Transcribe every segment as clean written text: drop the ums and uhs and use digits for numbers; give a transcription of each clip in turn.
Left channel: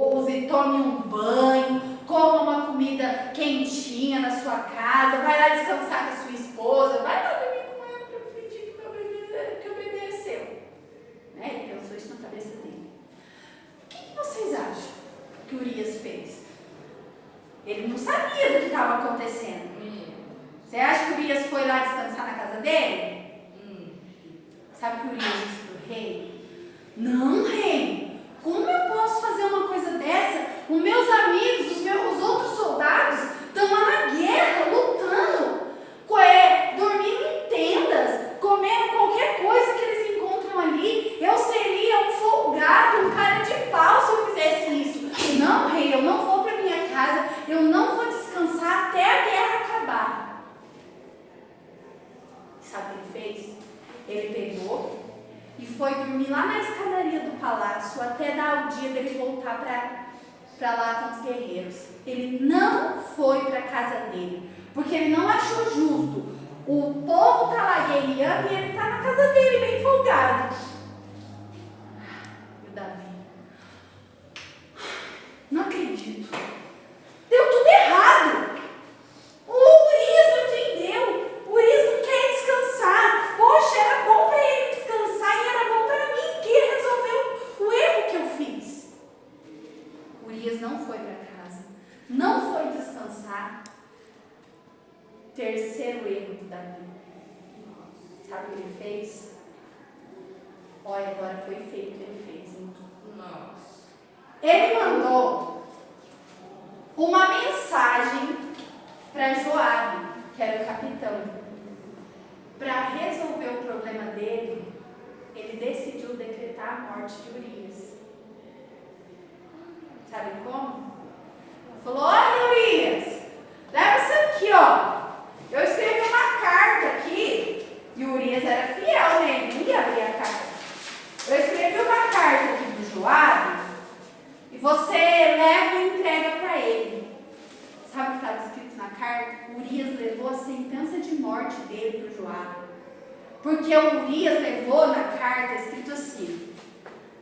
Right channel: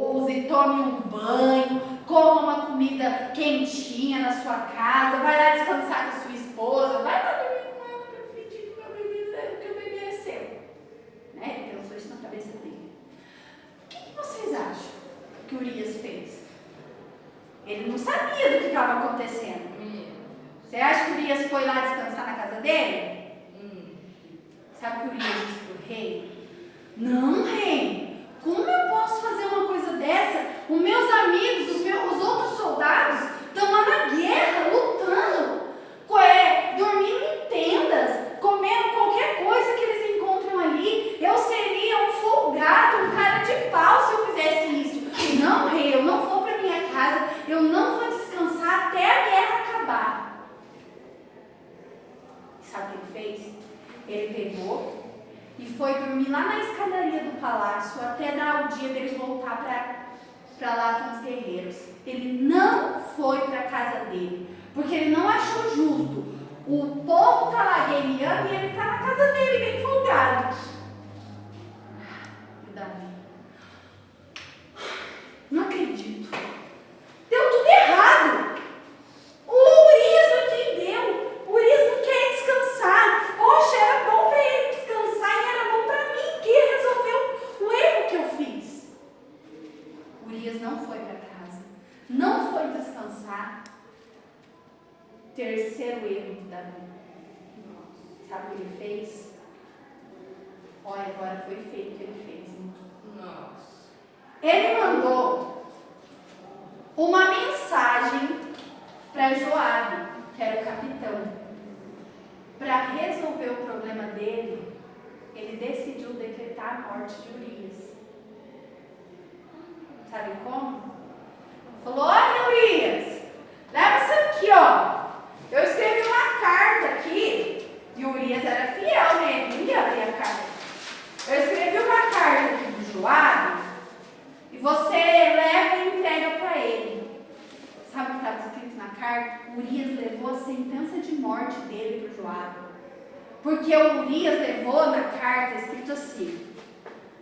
Use, tome um banho, coma uma comida quentinha na sua casa, vai lá descansar com a sua esposa, vai lá dormir com ela para fingir que o bebê é seu. Né? Ele pensou isso na cabeça dele. O que vocês acham que Urias fez? Ele não sabia do que estava acontecendo. Você acha que Urias foi lá descansar na casa dele? Sabe o que Urias disse para o rei? Não, rei, como eu posso fazer uma coisa dessa? Os meus amigos, os outros soldados estão lá na guerra, lutando, dormindo em tendas, comendo qualquer coisa que eles encontram ali. Eu seria um folgado, um cara de pau se eu fizesse isso. Não, rei, eu não vou para minha casa, eu não vou descansar até a guerra acabar. Sabe o que ele fez? Ele pegou e foi dormir lá na escadaria do palácio até dar o dia dele voltar para lá com os guerreiros. Ele não foi para a casa dele, porque ele não achou justo. O povo está lá guerreando e ele está na casa dele, bem folgado. E o Davi? Não acredito. Deu tudo errado. O Urias não entendeu. O Urias não quer descansar. Poxa, era bom para ele descansar e era bom para mim, que ele resolveu o erro que eu fiz. Urias não foi para casa, não foi descansar. Terceiro erro do Davi. Sabe o que ele fez? Olha, agora foi feio o que ele fez. Nossa. Ele mandou uma mensagem para Joabe, que era o capitão. Para resolver o problema dele, ele decidiu decretar a morte de Urias. Sabe como? Falou: olha, Urias, leva isso aqui, ó. Eu escrevi uma carta aqui, e o Urias era fiel, né? Ele não ia abrir a carta. Eu escrevi uma carta aqui do Joabe, e você leva e entrega para ele. Sabe o que estava escrito na carta? Urias levou a sentença de morte dele para o Joabe. Porque o Urias levou na carta escrito assim:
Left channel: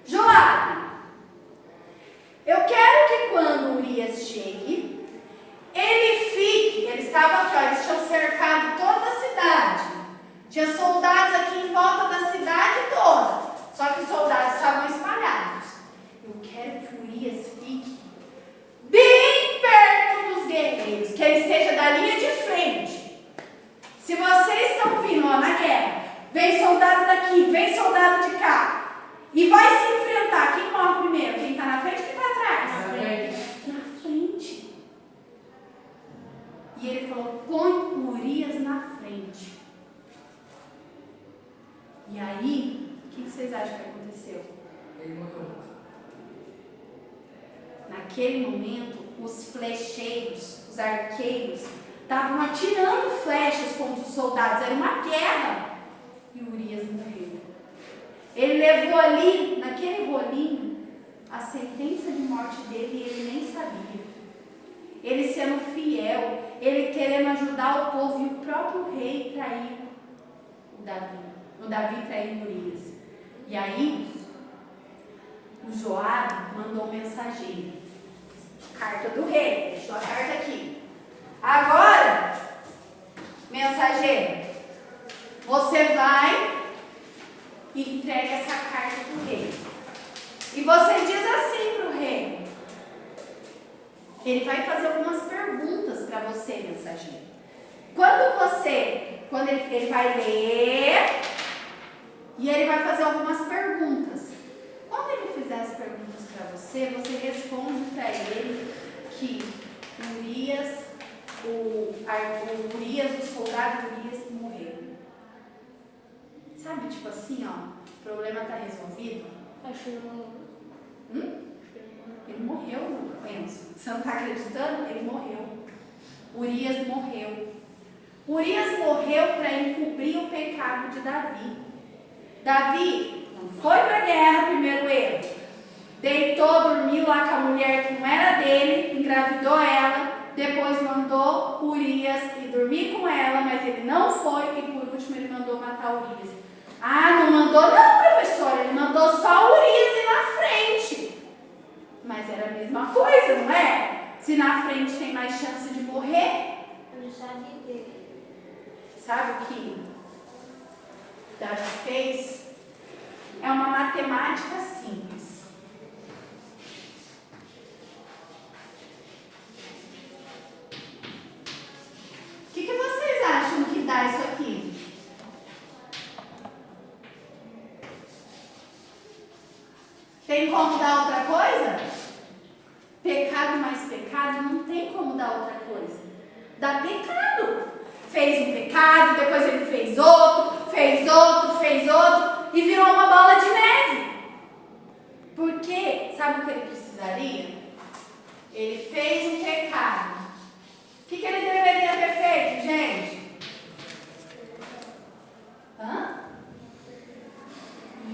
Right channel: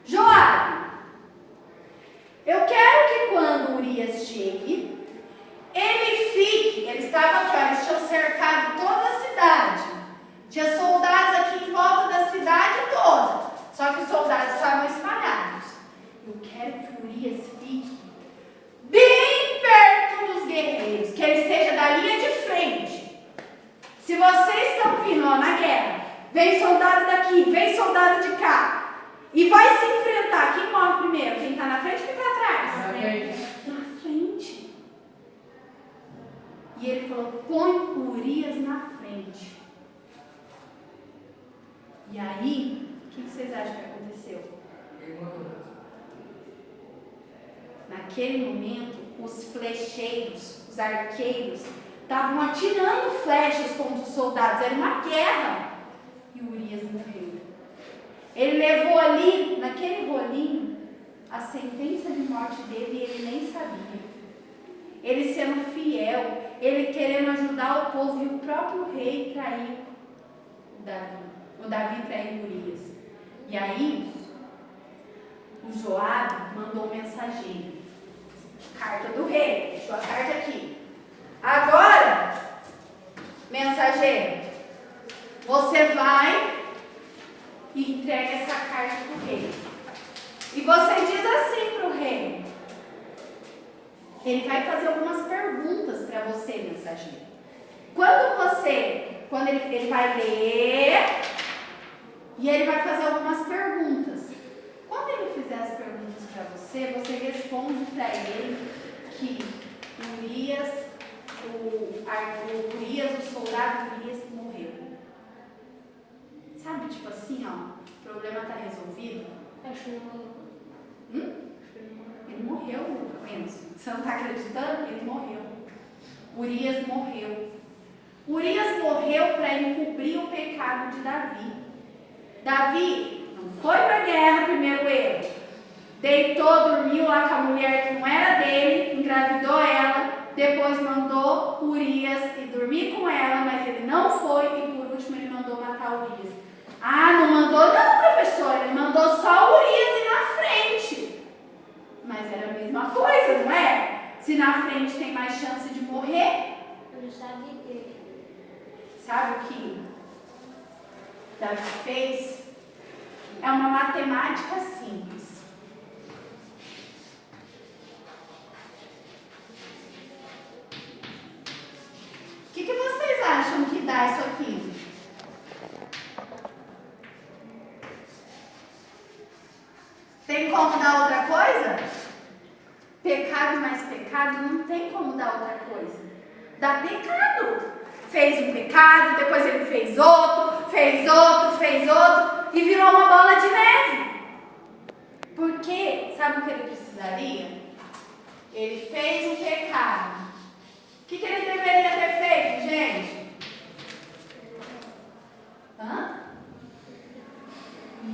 Joabe, eu quero que quando Urias chegue, ele fique. Ele estava aqui, ó, eles tinham cercado toda a cidade. Tinha soldados aqui em volta da cidade toda. Só que os soldados estavam espalhados. Eu quero que Urias fique bem perto dos guerreiros, que ele seja da linha de frente. Se vocês estão vindo, ó, na guerra, vem soldado daqui, vem soldado de cá, e vai se enfrentar. Quem morre primeiro? Quem está na frente ou quem está atrás? Na frente. E ele falou: põe Urias na frente. E aí, o que vocês acham que aconteceu? Ele morreu. Naquele momento, os flecheiros, os arqueiros, estavam atirando flechas contra os soldados. Era uma guerra. E Urias morreu. Ele levou ali, naquele rolinho, a sentença de morte dele e ele nem sabia. Ele sendo fiel, ele querendo ajudar o povo e o próprio rei traiu o Davi. O Davi traiu Urias. E aí, o Joabe mandou um mensageiro. Carta do rei. Deixou a carta aqui. Agora, mensageiro, você vai e entrega essa carta para o rei. E você diz assim para o rei. Ele vai fazer algumas perguntas para você, mensageiro. Quando ele vai ler e ele vai fazer algumas perguntas. Quando ele fizer as perguntas para você, você responde para ele que Urias, o soldado Urias morreu. Sabe, tipo assim, ó, o problema está resolvido? Acho que ele morreu. Ele morreu, Enzo. Você não está acreditando? Ele morreu. Urias morreu. Urias morreu para encobrir o pecado de Davi. Davi não foi para a guerra, primeiro erro. Deitou, dormiu lá com a mulher que não era dele, engravidou ela, depois mandou Urias ir dormir com ela, mas ele não foi e por último ele mandou matar Urias. Ah, não mandou não, professor, ele mandou só Urias ir na frente. Mas era a mesma coisa, não é? Se na frente tem mais chance de morrer. Eu já sabia. Sabe o que Davi fez? É uma matemática simples. O que vocês acham que dá isso aqui? Tem como dar outra coisa? Pecado mais pecado não tem como dar outra coisa. Dá pecado. Fez um pecado, depois ele fez outro, e virou uma bola de neve. Por quê? Sabe o que ele precisaria? Ele fez um pecado. O que ele deveria ter feito, gente?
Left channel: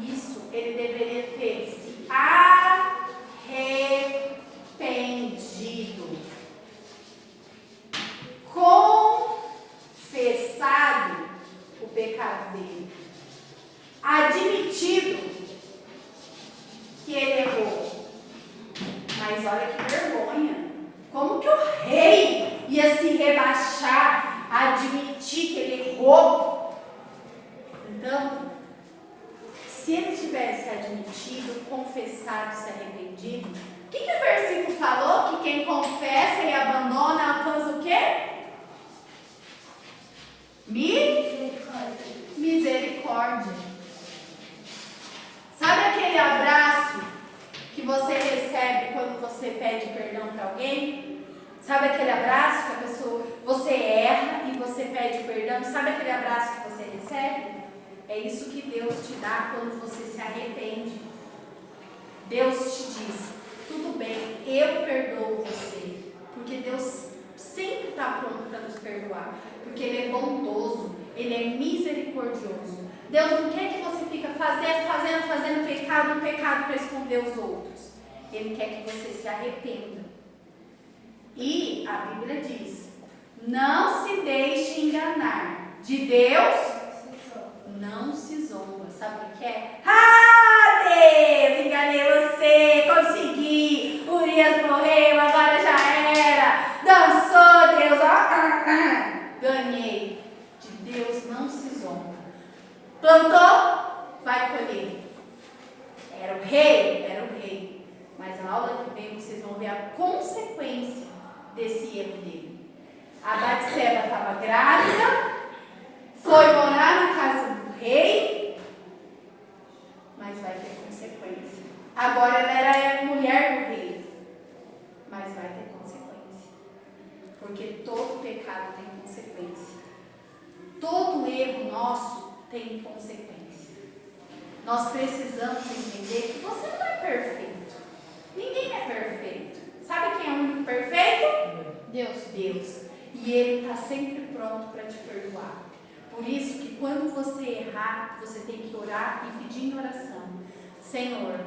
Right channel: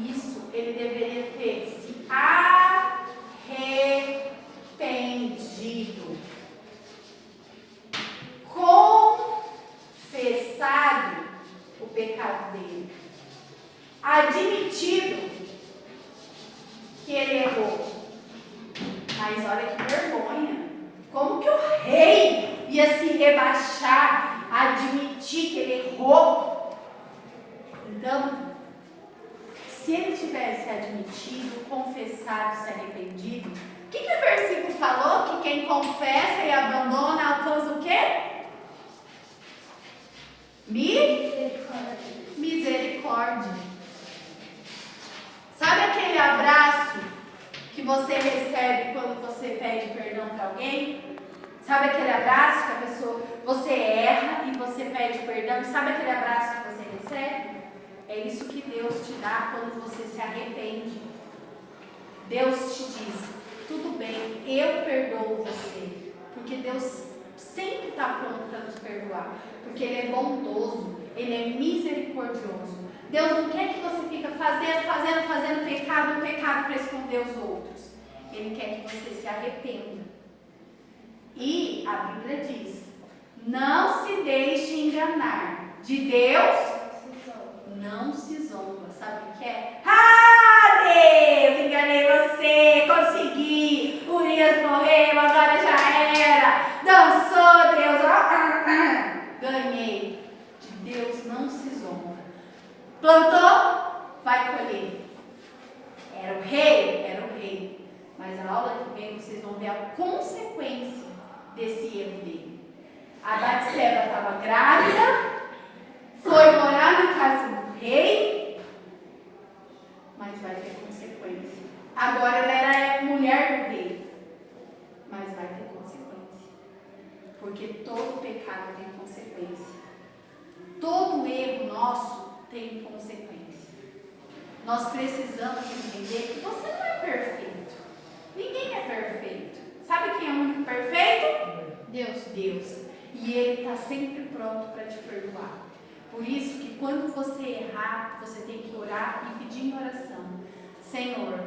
Isso, ele deveria ter se arrependido. Confessado o pecado dele. Admitido que ele errou. Mas olha que vergonha. Como que o rei ia se rebaixar, admitir que ele errou? Então, se ele tivesse admitido, confessado, se arrependido, o que o versículo falou? Que quem confessa e abandona alcança o quê? Misericórdia. Sabe aquele abraço que você recebe quando você pede perdão para alguém? Sabe aquele abraço que a pessoa, você erra e você pede perdão? Sabe aquele abraço que você recebe? É isso que Deus te dá quando você se arrepende. Deus te diz, tudo bem, eu perdoo você. Porque Deus sempre está pronto para nos perdoar. Porque Ele é bondoso, Ele é misericordioso. Deus não quer que você fique fazendo pecado para esconder os outros. Ele quer que você se arrependa. E a Bíblia diz, não se deixe enganar. De Deus não se zomba. Sabe o que é? Ah, Deus, enganei você, consegui. Urias morreu, agora já era. Dançou, Deus, ganhei. De Deus não se zomba. Plantou, vai colher. Era o rei. Mas a aula que vem vocês vão ver a consequência desse erro dele. A Batseba estava grávida, foi morar na casa do rei, mas vai ter consequência. Agora ela era mulher do rei, mas vai ter consequência. Porque todo pecado tem consequência. Todo erro nosso tem consequência. Nós precisamos entender que você não é perfeito. Ninguém é perfeito. Sabe quem é o único perfeito? Deus. E Ele está sempre pronto para te perdoar. Por isso que quando você errar, você tem que orar e pedir em oração. Senhor,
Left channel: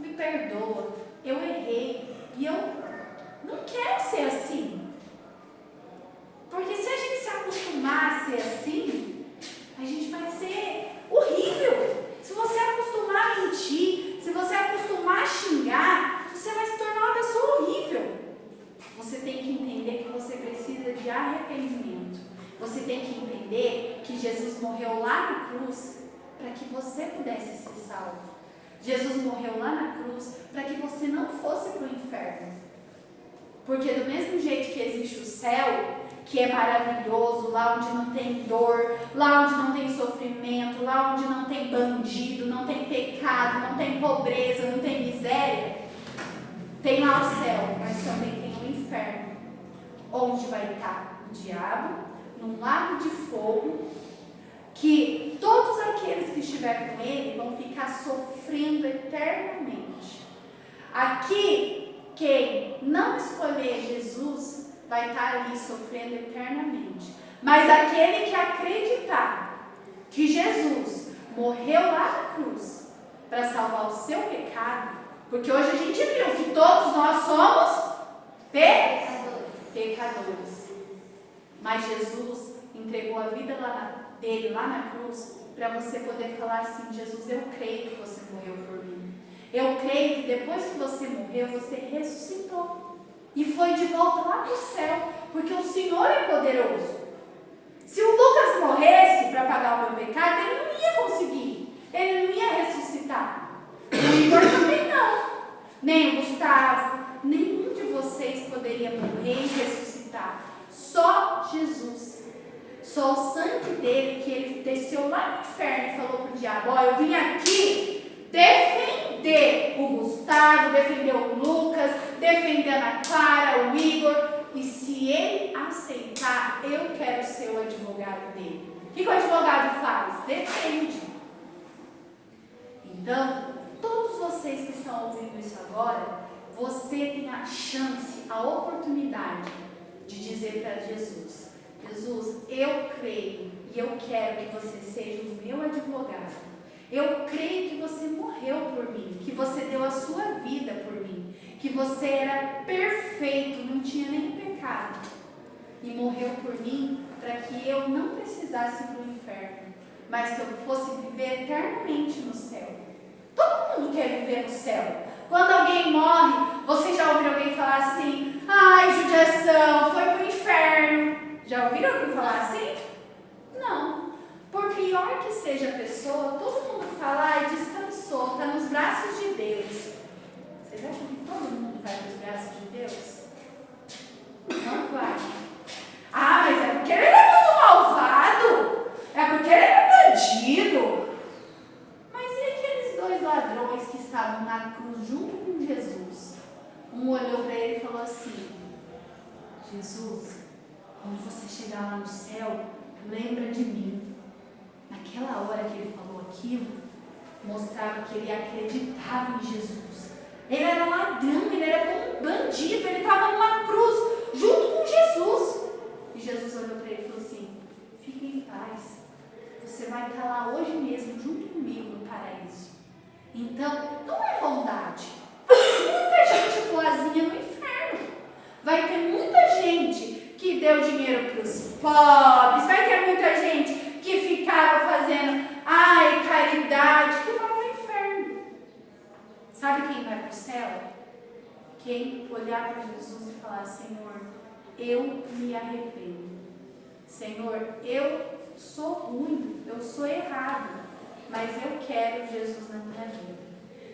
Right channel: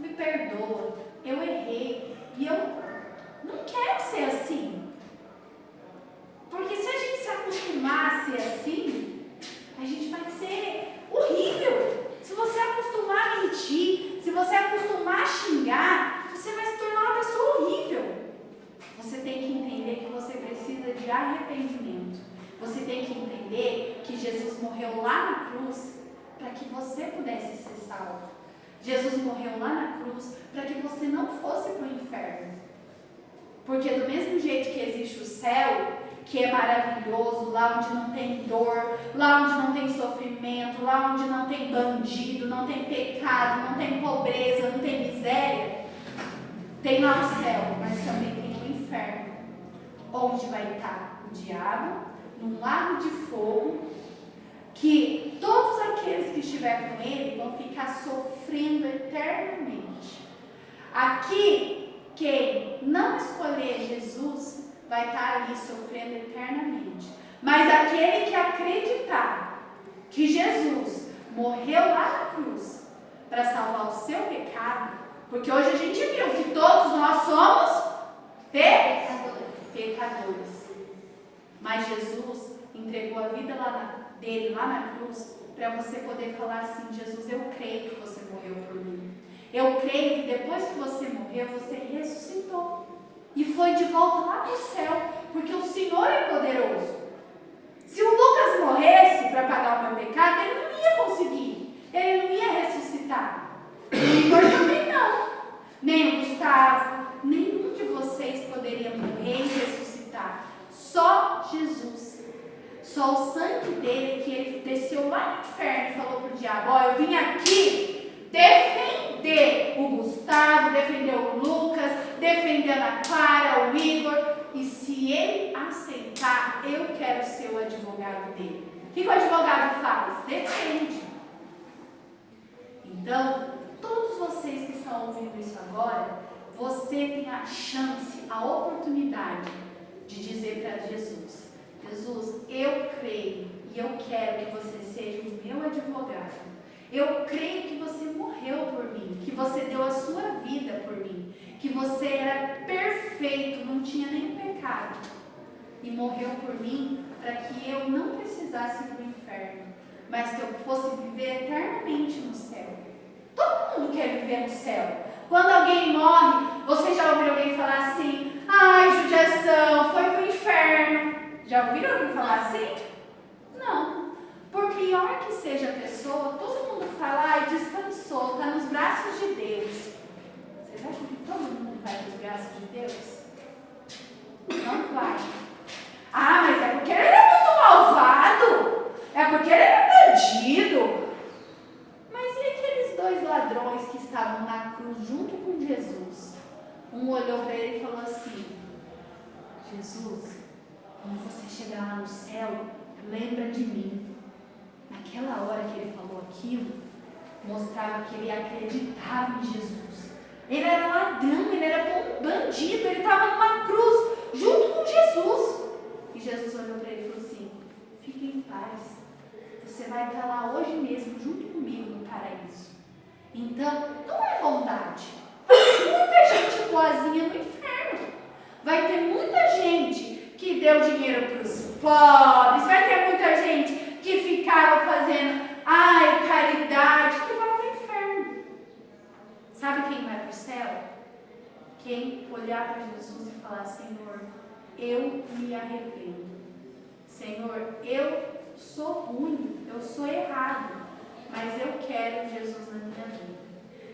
me perdoa, eu errei e eu não quero ser assim. Porque se a gente se acostumar a ser assim, a gente vai ser horrível. Se você acostumar a mentir, se você acostumar a xingar, você vai se tornar uma pessoa horrível. Você tem que entender que você precisa de arrependimento. Você tem que entender que Jesus morreu lá na cruz para que você pudesse ser salvo. Jesus morreu lá na cruz para que você não fosse para o inferno. Porque do mesmo jeito que existe o céu, que é maravilhoso, lá onde não tem dor, lá onde não tem sofrimento, lá onde não tem bandido, não tem pecado, não tem pobreza, não tem miséria, tem lá o céu, mas também tem o inferno, onde vai estar o diabo, num lago de fogo, que todos aqueles que estiverem com ele vão ficar sofrendo eternamente. Aqui, quem não escolher Jesus vai estar ali sofrendo eternamente. Mas aquele que acreditar que Jesus morreu lá na cruz para salvar o seu pecado, porque hoje a gente viu que todos nós somos pecadores. Mas Jesus entregou a vida dele lá na cruz para você poder falar assim: Jesus, eu creio que você morreu por mim. Eu creio que depois que você morreu, você ressuscitou. E foi de volta lá para o céu, porque o Senhor é poderoso. Se o Lucas morresse para pagar o meu pecado, ele não ia conseguir. Ele não ia ressuscitar. O Igor também não. Nem o Gustavo, nenhum de vocês poderia morrer e ressuscitar. Só Jesus. Só o sangue dele, que ele desceu lá no inferno e falou para o diabo: ó, eu vim aqui defender o Gustavo, defender o Lucas, defender a Clara, o Igor. E se ele aceitar, eu quero ser o advogado dele. O que o advogado faz? Defende. Então, todos vocês que estão ouvindo isso agora, você tem a chance, a oportunidade de dizer para Jesus: Jesus, eu creio e eu quero que você seja o meu advogado. Eu creio que você morreu por mim, que você deu a sua vida por mim, que você era perfeito, não tinha nem pecado, e morreu por mim para que eu não precisasse ir para o inferno, mas que eu fosse viver eternamente no céu. Todo mundo quer viver no céu. Quando alguém morre, você já ouviu alguém falar assim: ai, judiação, foi para o inferno. Já ouviram alguém falar assim? Não. Por pior que seja a pessoa, todo mundo fala: ai, descansou, está nos braços de Deus. Vocês acham que todo mundo vai nos braços de Deus? Não vai. Ah, mas é porque ele era muito malvado. É porque ele era bandido. Mas e aqueles dois ladrões que estavam na cruz junto com Jesus? Um olhou para ele e falou assim: Jesus, quando você chegar lá no céu, lembra de mim. Naquela hora que ele falou aquilo, mostrava que ele acreditava em Jesus. Ele era ladrão, ele era um bandido, ele estava numa cruz junto com Jesus. E Jesus olhou para ele e falou assim: fique em paz, você vai estar lá hoje mesmo junto comigo no paraíso. Então, não é bondade. Tem muita gente boazinha no inferno. Vai ter muita gente que deu dinheiro para os pobres, vai ter muita gente que ficava fazendo caridade, que vai para o inferno. Sabe quem vai para o céu? Quem olhar para Jesus e falar: Senhor, eu me arrependo. Senhor, eu sou ruim, eu sou errado, mas eu quero Jesus na minha vida.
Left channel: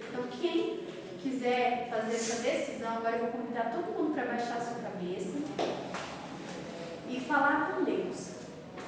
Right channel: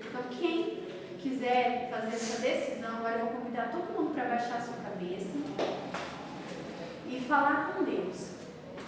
Então, quem quiser fazer essa decisão, agora eu vou convidar todo mundo para baixar a sua cabeça e falar com Deus.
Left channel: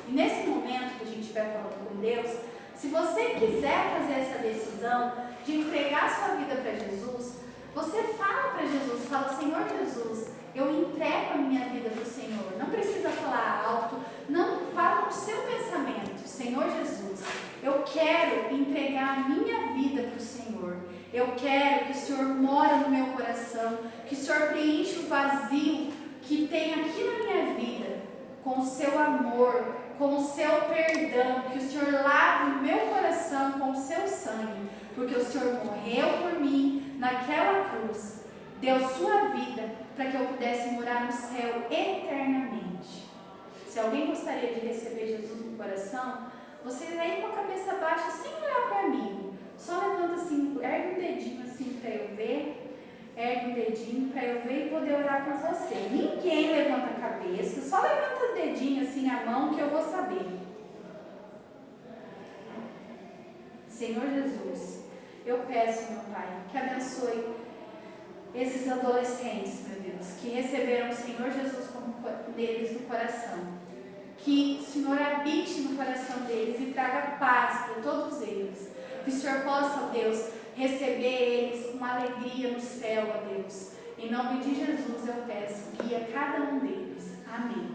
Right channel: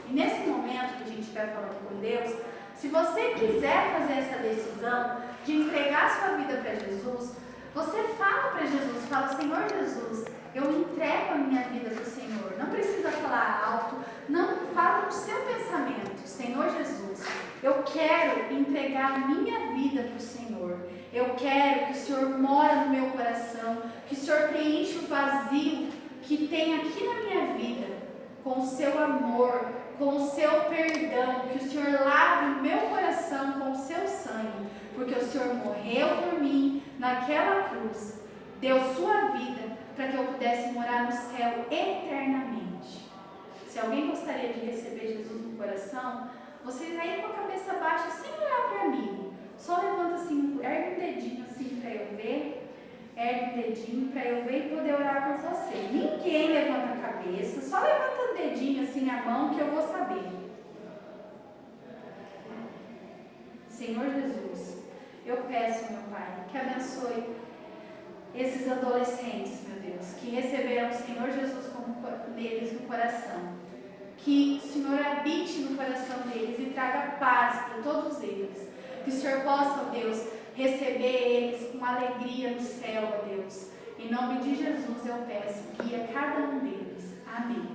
E nesse momento que a gente vai falando com Deus, se você quiser fazer essa decisão de entregar a sua vida para Jesus, você fala para Jesus, fala: Senhor Jesus, eu entrego a minha vida para o Senhor. Não precisa falar alto, não fala no seu pensamento: Senhor Jesus, eu quero entregar a minha vida para o Senhor. Eu quero que o Senhor mora no meu coração, que o Senhor preencha o vazio que tem aqui na minha vida, com o seu amor, com o seu perdão, que o Senhor lave o meu coração com o seu sangue, porque o Senhor morreu por mim naquela cruz, deu sua vida para que eu pudesse morar no céu eternamente. Se alguém gostaria de receber Jesus no coração, vocês aí com a cabeça baixa, sem olhar para mim, só levanta assim, ergue um dedinho assim para eu ver. Ergue o dedinho para eu ver e poder orar por você. Ninguém levanta a cabeça, só levanta o dedinho assim, a mão, que eu vou saber. Senhor Jesus, eu peço, meu Pai, que abençoe esses adolescentes, meu Deus, que receberam o Senhor Jesus como deles no coração. Que o Senhor habite no coração deles e traga paz para todos eles. Que o Senhor possa, Deus, receber eles com alegria no céu, ó Deus. Em nome de Jesus eu peço, guia cada um deles. Amém.